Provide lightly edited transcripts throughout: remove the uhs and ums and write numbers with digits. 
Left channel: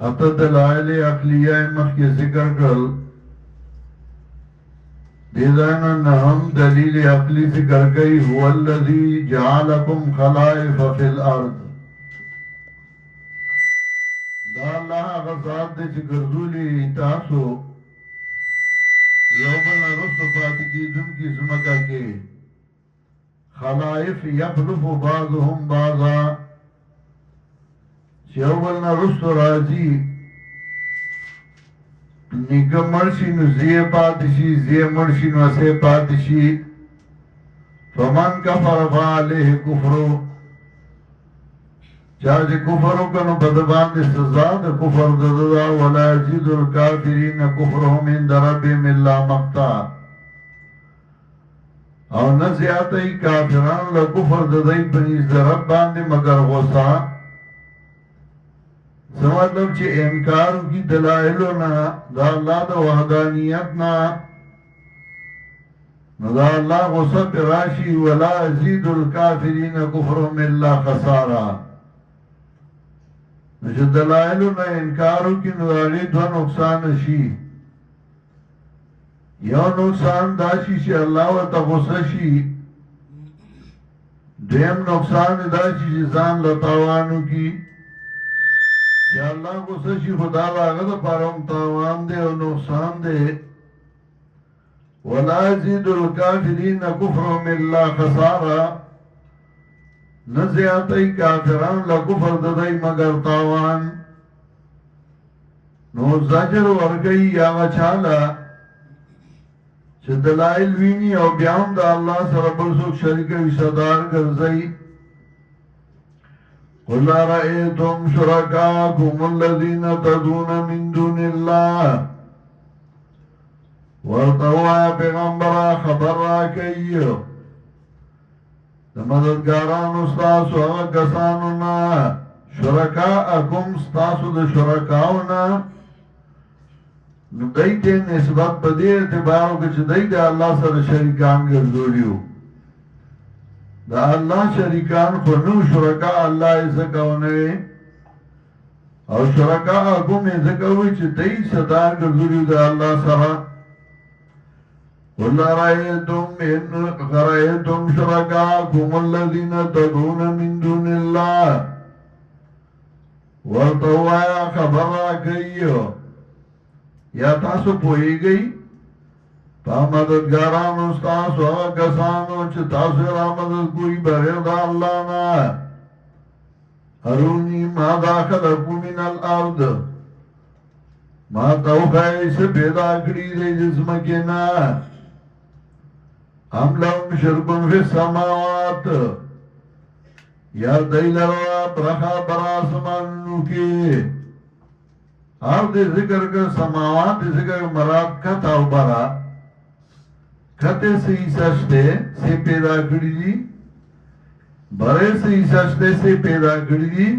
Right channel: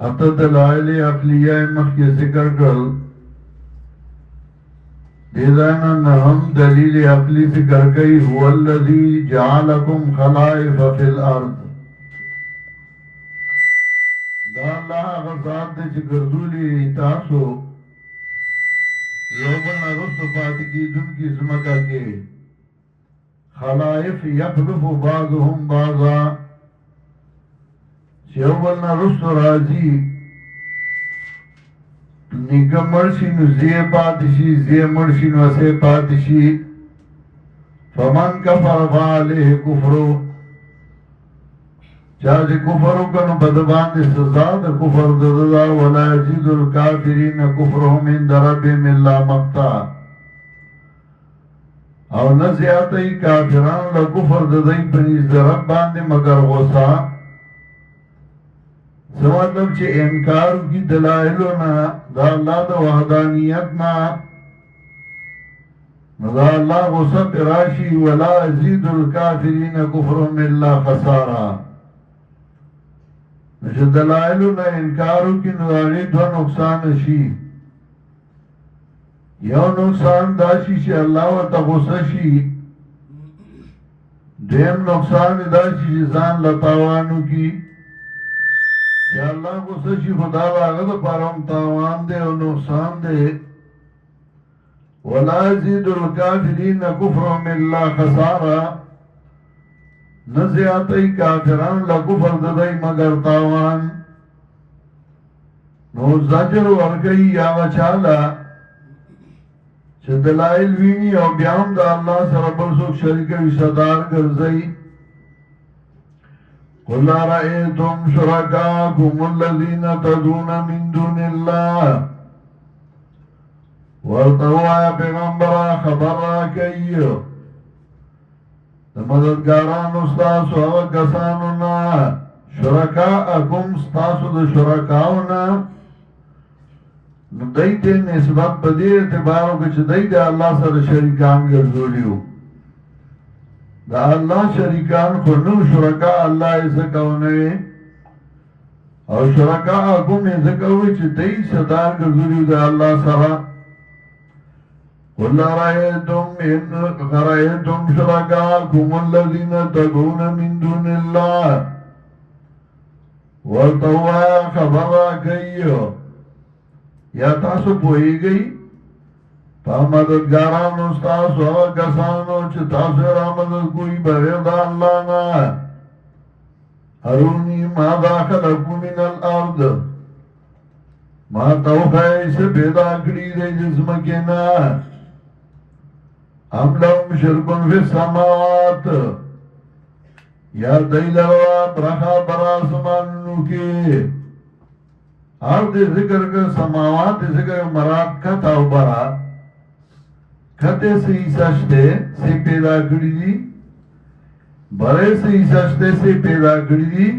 اته دلائل عقلیه مخی ذکر کرل دیدانا نهم دلیل عقلی ذکر کئی هو الذی جعلکم خلائف فی الارض دا اللہ غزات دے چه گردولی تاسو یوبلنا رسو پاتکی دن کی زمکا کے خلائف یخلف بعضهم بعضا چیوبلنا رسو رازی نیکا مرشی نو زی پاتشی زی مرشی نو اسے پاتشی فمن کفر فعلیه کفرو چاچ کفرو کنو بدبان دے سزا دے کفر ددا ولا یزید الکافرین کفرهم عند ربهم الا مقتا او نزیاتی کافران لکفر ددائی پنیز دے رب باندے مگر غصا سمطلب چه انکارو کی دلائلو نا دا اللہ دا وحدانیت نا دا اللہ غصہ تراشی ولا یزید الکافرین کفرهم الا خسارا نشد دلائلو نا انکارو کی نداری دو نقصان شی یو نقصان داشی چه اللہ و تغصہ شی دیم نقصان داشی چه زان لطاوانو کی چه اللہ غصہ شی خدا لاغت پارم تاوان دے و نقصان دے ولا یزید الکافرین کفرهم الا خسارا نزیاتی کافران لکفر ددائی مگر تاوان نو زجر ورگئی یا وچالا چه دلائل ویمی او بیام دا اللہ سر بلسوک شرکوی صدار گرزئی قل رأیتم شرکاکم الذین تدون من دون اللہ ورطوایا پیغمبرا خبر را کئی دا مددگاران استاسو اغا کسانونا شرکاءکم استاسو دا شرکاؤنا دیتے نسبت پدی اعتبارو کچھ دیتے اللہ سر شریکان گردولیو دا اللہ شریکان خونو شرکاء اللہ ازکاؤنے او شرکاءکم ازکاؤنے چھ دی صدار گردولیو دا اللہ سر قل رأيتم شركاءكم الذين تدعون من دون الله ورطوا خبر راکئیو یا تاسو پوئی گئی پا مددگاران استاسو آگا کسانو چه تاسو را مدد کوئی بغیر دا اللہ نا ارونی ما داخلکو من الارض ما توخائی سے پیدا کری دے جسم کے نا ام لهم شرکن فی السماوات یا دیلروا برخا براسمانو کی آر دے ذکر کر سماوات دے ذکر مراد کتا و برا کتے سے سجدے سے پیدا کری دی برے سے سجدے سے پیدا کری دی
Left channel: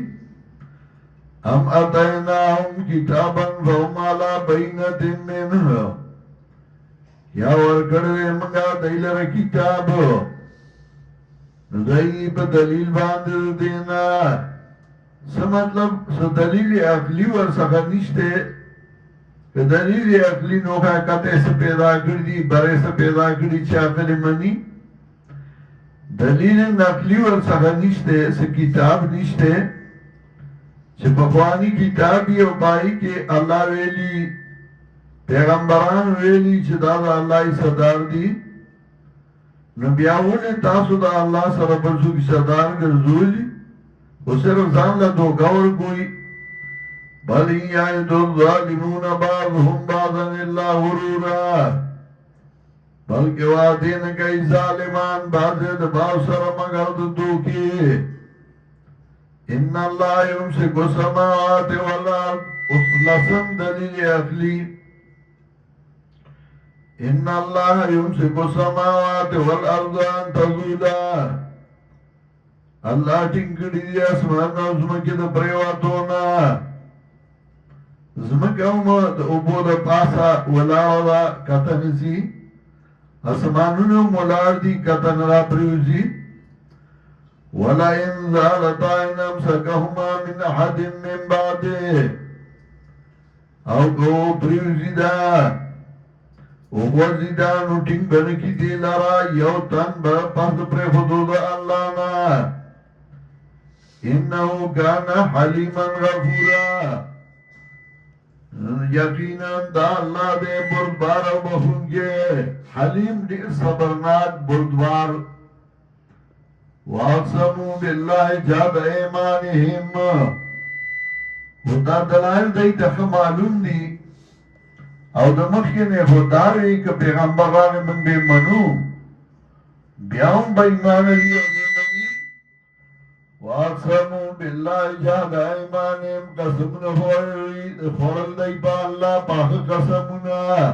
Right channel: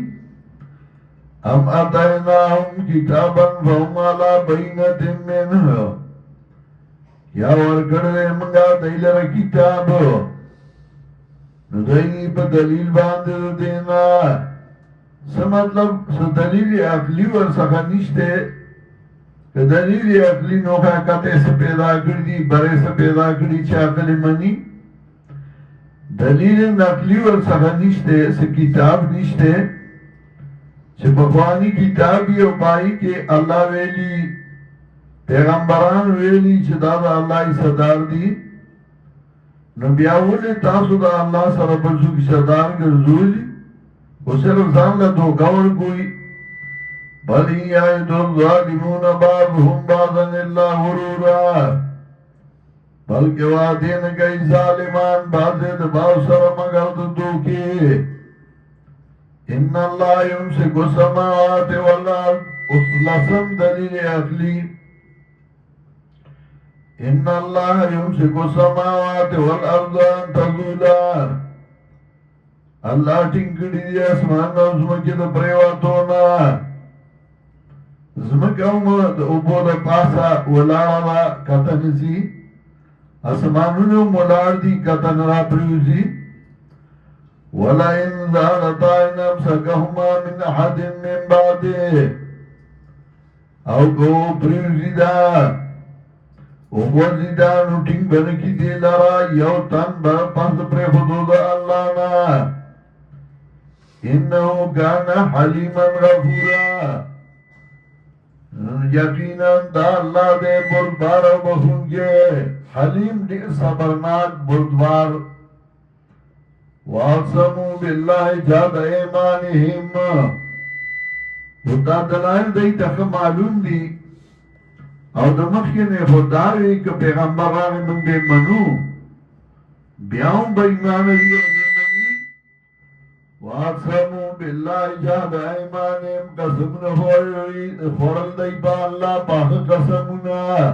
ہم اتیناہم کتابا فهم علی بینت منہ یا ورکڑوے منگا دیلر کتاب ندائی پا دلیل باندر دینا سمطلب دلیل عقلی ورسخا نشتے کہ دلیل عقلی نوخا کتے سے پیدا کردی برے سے پیدا کردی چاکل منی دلیل نقلی ورسخا نشتے سے کتاب نشتے چھ پخوانی کتابی او پائی کہ اللہ ویلی پیغمبران ویلی چه دا اللہ صدار دی نبیاؤن تاسو دا اللہ سر بلسو کی صدار گرزولی و صرف زان لدو گور کوئی بل ہی آئیت الظالمون بعضهم بعضا اللہ غرورا بلکہ وعدین کئی ظالمان بعضت باو سر مگرد دوکی ان اللہ یمسک السماوات والارض اس لسم دلیل اقلی ان اللہ یمسک السماوات والارض ان تزولا اللہ ٹنکڑی دی اسمان و زمکی دا پریواتونا زمکی امد اوبو دا پاسا ولاولا کتنسی اسمانونو مولار دی کتن را پریوزی ولئن زالتا إن أمسكهما من أحد من بعده او گو پریوزیدا وزیدا نو ٹنگ بنکی دی لرا یو تن بر پس پر حدود اللہ نا انہو کانا حلیما غفورا یقینا دا اللہ دے بردبار بخون کے حلیم دیر صبرناک بردبار واقسمو باللہ جاد ایمانہم خدا دلائل دی تخ معلوم دی او دمخین خداوی که پیغمبر راغی من بی منو بیاون با ایمان دی او دیمانی واقسمو باللہ جاد ایمانیم قسمون خورل دی با اللہ پاک قسمونا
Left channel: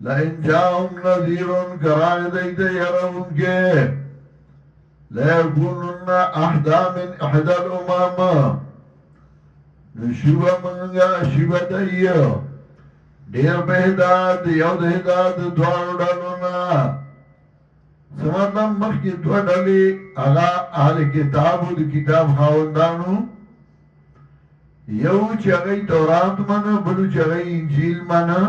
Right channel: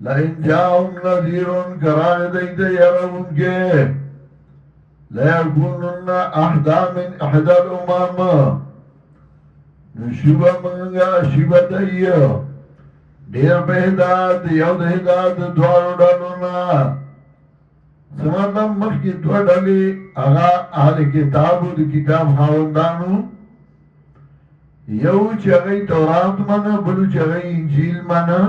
لئن جاؤن نذیرون کراغ دی دی یرون کے لیکونن احدا من احدا الامام شیبا منگا شیبا دائیو دیر پہ ہدایت یو دا ہدایت دوارو ڈالونا سماتم مخ کی دو ڈالی اگا اہل کتابو دی کتاب خاوندانو یو چاگئی تورات منا بلو چاگئی انجیل منا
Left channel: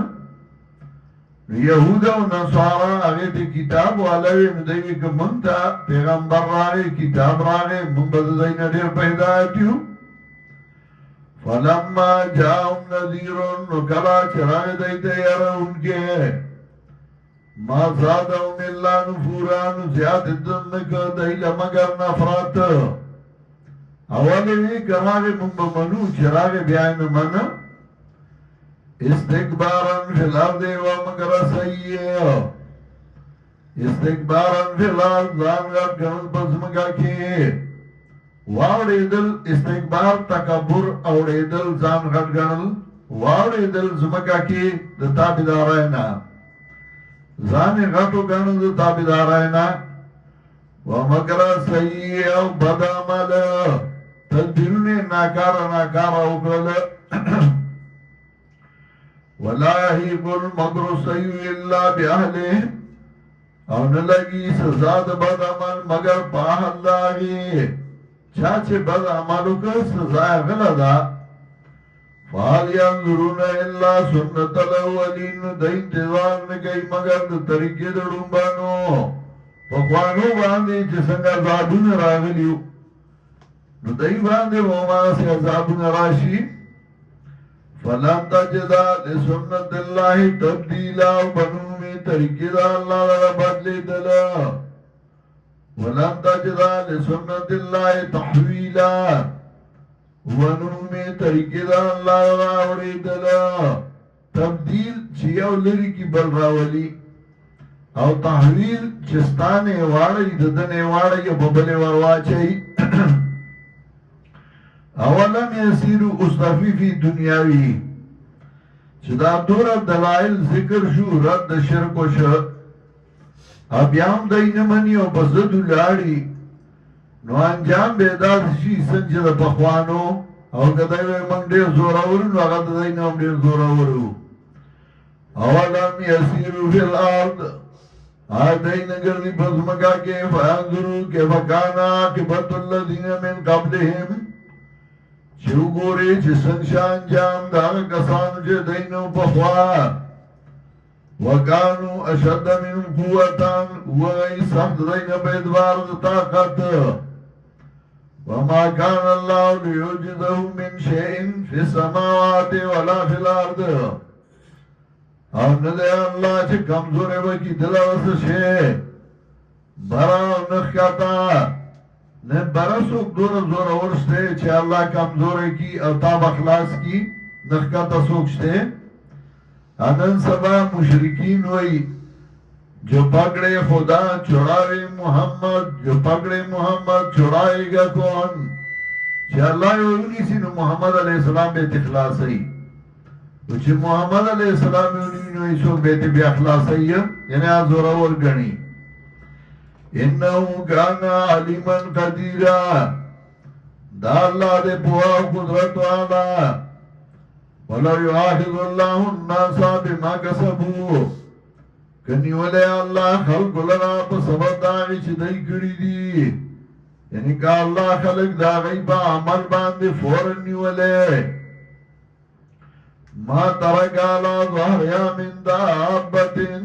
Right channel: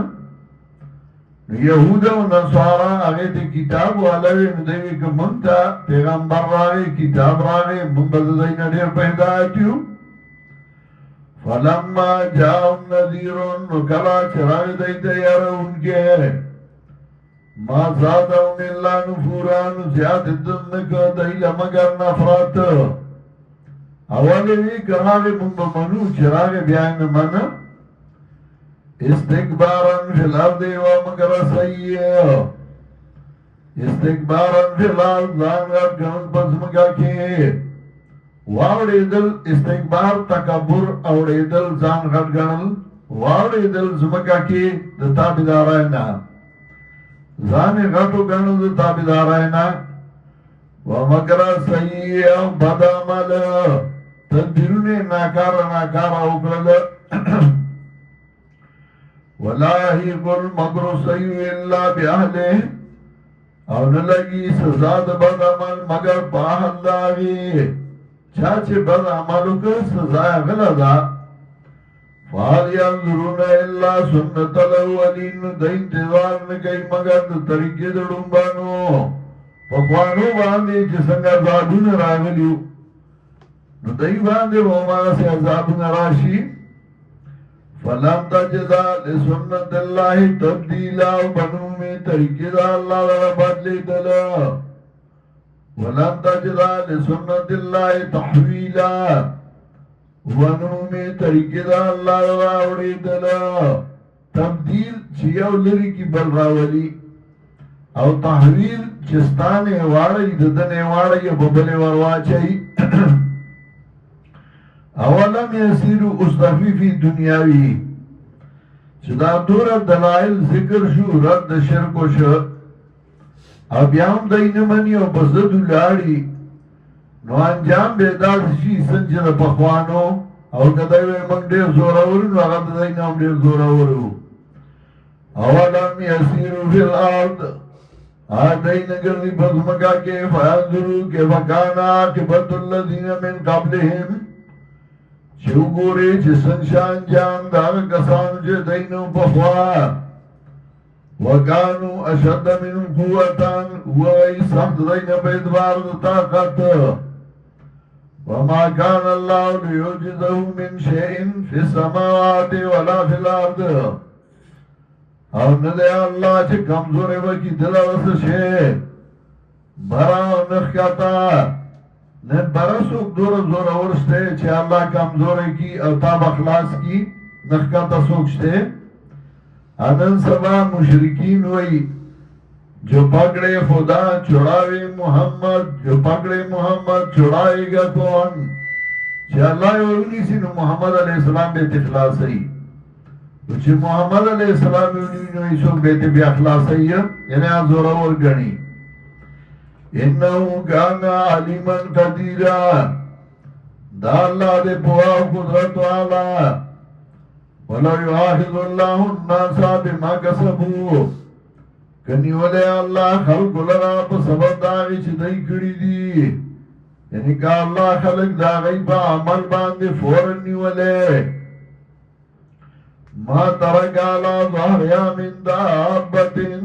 یہودا و نصارا اگے تے کتاب والاوی ندیوی که منتا پیغمبر راگے کتاب راگے من بددائینا دیر پہ ہدایتیو فلما جاؤن نذیرون وکلا چراغ دیتے یارا ان کے ما زادون اللہ نفوران زیاد دنک دیل مگر نفرات اولی کراغ منو چراغ بیان من استکبارن فی الارض و مگر سیئ استکبارن فی الارض زانگار کنز بزمگا کی واوریدل استکبار تکبر اوریدل ځان غټ ګڼل واوریدل زمکا کې د تابعداراینا ځان غټو ګڼل د تابعداراینا ومکر سیئ او بد عمل تدبیرونه ناکاره وکړل ولا یحیق المکر السیئ الا باهله او نه لګي سزا د بد عمل مگر په الله چاچه بد عملو که سزا غلا دا فال ینظرون الا سنت الاولین دا انتظار نکئی مگر دا طریقے دا ڈنبانو پکوانو باندے جسنگ عذابون راغلیو نو دای باندے وما سے عذابون راشی فلم تجدا لسنت اللہ تبدیلا بنو میں طریقے دا اللہ دا بدلے دلا ولن تجدا لسنت اللہ تحویلا ونومی طریقے دا اللہ راوڑی دلا تبدیل چیو لری کی بل راولی او تحویل چستانے وارئی ددنے وارئی ببلے ورواچائی اولم یسیرو استفی فی دنیاوی چدا دور دلائل ذکر شو رد شرک و شرک ابیام دای نمانی او بزدو لاری نو انجام بیداز شی سنچ دا پخوانو او کدای وی منگ دیر زوراورو نو اغد دای نام دیر زوراورو اولم یسیرو فی الارد آدائی نگردی بزمکا کے فیانظرو کے فکانا کے بط اللذین من قبلهم چو گوری چسن شان جام داغ کسانو چه دینو پخوا وکانو اشد من قوتان وغی سخت دین پیدوار طاقت وما کان اللہ لیوجدہو من شئین فی السماوات ولا فی الارد او ندے اللہ چه کمزور وکی دل رس شے برا نخکتا نے برسوک دور زور ورستے چه اللہ کمزور کی اتاب اخلاص کی نخکتا سوکشتے انن سبا مشرکین وئی جو پکڑے خدا چھڑاوے محمد جو پکڑے محمد چھڑائے گا کون چه اللہ اولونی سی نو محمد علیہ السلام بیت اخلاصی تو چه محمد علیہ السلام اولونی نو ایسو بیت بی اخلاصی یعنی آزورور گنی انہو کانا علیما قدیرا دا اللہ دے پوا قدرت والا وَلَوْ يُعَاخِذُ اللَّهُ النَّاسَ بِمَا كَسَبُوا کنی ولے اللہ خلق لرا پا سبب داغی چی دائی کری دی یعنی که اللہ خلق دا غیبا عمل باندے فورن نیولے ما ترک علا ظهریا من دابتن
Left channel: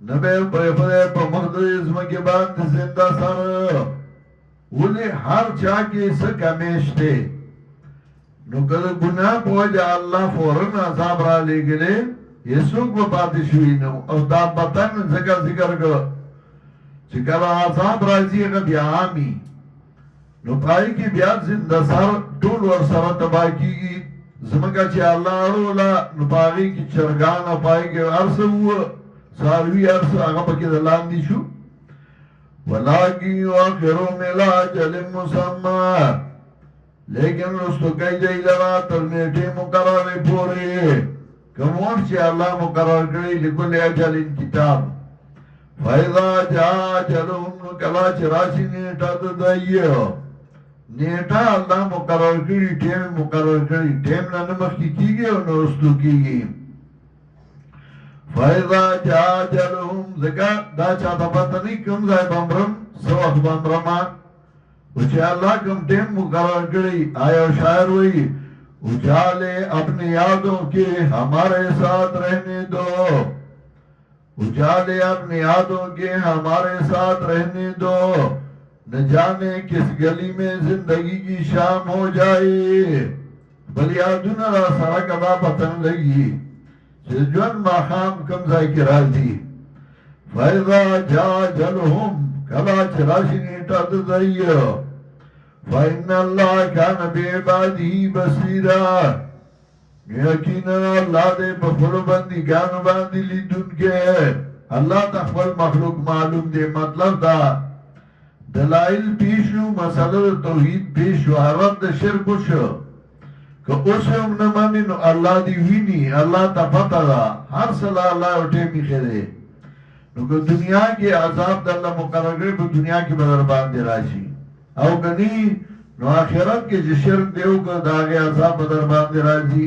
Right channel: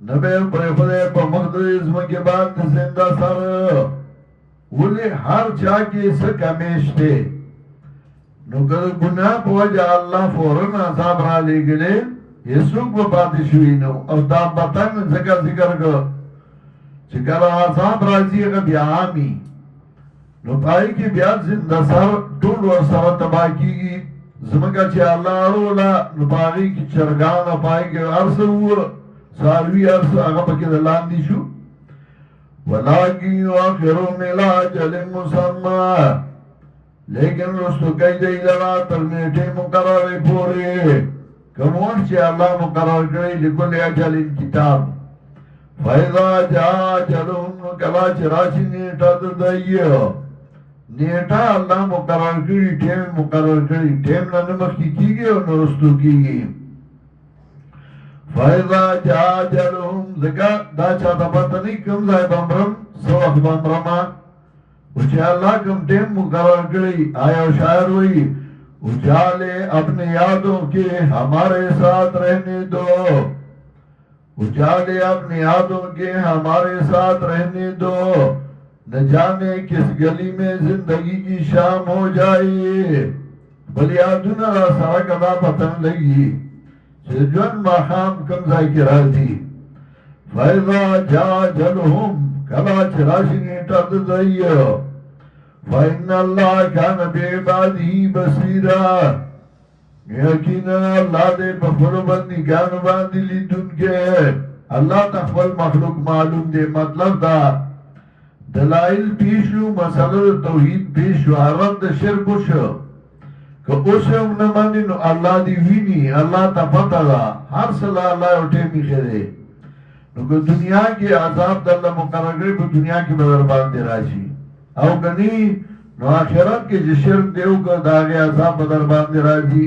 نبے پریخدے پا مقدس مکی باندے زندہ سر ولی ہر چاکی سکا میشتے نو کدو گناہ پوجا اللہ فورن عذاب را لے گلے یہ سوک و پاتی شوئی نو او دابتن ذکر کر چکر عذاب رازی اگر بیامی نو پائی کی بیا زندہ سر ٹول ور سر تباہ کی گی زمکہ چی اللہ ارولا نو پاگی کی چرگانا پائی کے عرص ہوا ساروی عرص آگا پکی دلان دی شو ولیکی آخرو ملا جل مسمع لیکن رستو کئی جئی لرا ترمیٹے مقرر پورے کمون چی اللہ مقرر کری لکل اجل کتاب فائدہ جا جلون کلا چراشی نیٹا دائیو نیٹا اللہ مقرر کری ٹیم مقرر کری ٹیم ننمخ کی گئی اور نرستو کی گئی فائدہ جا جلون ذکا دا چاہتا پتہ نہیں کم زائی بمبرم سوخ بمبرما اچھے اللہ کم ٹیم مقرر کری آیا شاعر ہوئی اجالے اپنے یادوں کے ہمارے ساتھ رہنے دو اجالے اپنے یادوں کے ہمارے ساتھ رہنے دو نہ جانے کس گلی میں زندگی کی شام ہو جائے بلی آدونا سرک ادا پتن لگی جن ماخام کمزائی کی راضی فائضا جا جلہم کلا چراشی نیٹا دزائیو فَإِنَّ اللَّهَ كَانَ بِعِبَادِهِ بَصِيرًا یقینا اللہ دے بخبر بندی گانو باندی لی دن کے اللہ تخبر مخلوق معلوم دے مطلب دا دلائل پیشو مسئلہ توحید پیشو حرد شرکو شو کہ اسے امنمانی نو اللہ دی وینی اللہ تا پتہ دا ہر صلاح اللہ اٹھے میخے دے نو کہ دنیا کے عذاب دا اللہ مقرر کرے کو دنیا کی بدر باندے راشی او کنی نو آخرت کے جو شرک دیو کر داغے عذاب بدر باندے راشی